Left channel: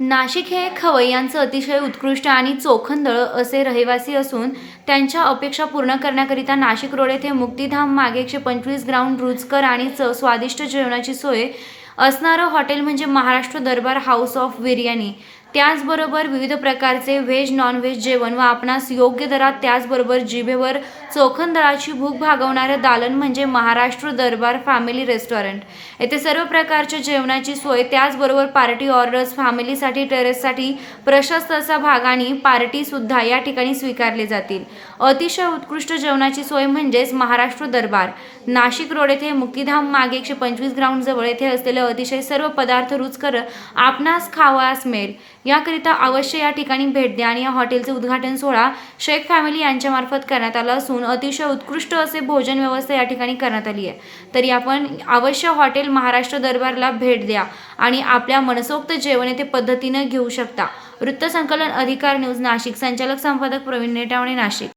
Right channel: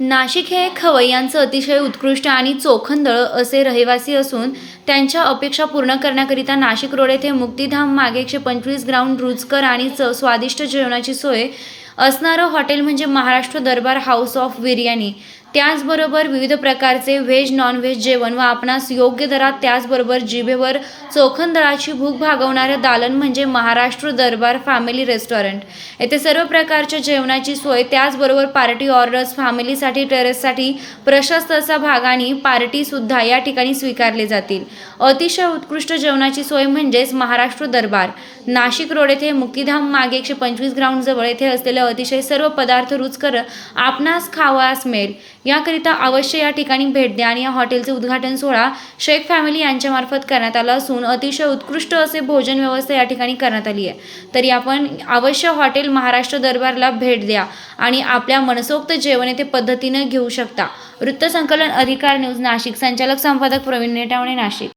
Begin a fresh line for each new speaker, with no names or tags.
नाशिक हे खवय्यांचं अतिशय उत्कृष्ट आणि चोखंदळ असे रहिवासी असून त्यांच्या अपेक्षा पूर्ण करण्याकरिता नाशिक रोड येथे मुक्तिधाम मागे एकशे पंचवीस ग्राउंड रुचकर आणि च स्वादिष्ट जेवणाची सोय असणारं हॉटेल म्हणजे महाराष्ट्र दरबार हाऊस ऑफ बिर्याणी. त्याचबरोबर विविध प्रकारचे व्हेज नॉनव्हेज जेवण व आपणास योग्य दरात त्याचबरोबर जिभेवर चोखंदळाची भूक भागवणारं दालन म्हणजे महाराष्ट्र दरबार फॅमिली रेस्टॉरंट. येथे सर्व प्रकारच्या जेवणाची सोय त्याचबरोबर पार्टी ऑर्डर्स फॅमिलीसाठी टेरेससाठी प्रशस्त असा भाग आणि पार्टीसुद्धा या ठिकाणी स्वीकारले जातील. अतिशय उत्कृष्ट जेवणाची सोय म्हणजेच महाराष्ट्र दरबार. नाशिक रोड येथे मुक्तिधाम मागे एकशे पंचवीस ग्राउंडजवळ येथे असलेले अतिशय सर्व पदार्थ रुचकर आपणास खावास मिळेल. याकरिता अवश्य या ठिकाणी भेट द्या आणि या हॉटेलचे उद्घाटन सोहळा शेख फॅमिली यांच्यामार्फत करण्यात आला असून अतिशय उत्कृष्ट असे भोजन व्यवस्था या ठिकाणी करण्यात आली आहे. तरी आपण अवश्य हॉटेल महाराष्ट्र दरबारला भेट द्या आणि आपल्या मनसोक्त जेवण येथे पद्धतीनं घेऊ शकता. वृत्तसंकलन अधिकार न्यूज नाशिक. संचालक संपादक प्रवीण नेटावणे नाशिक.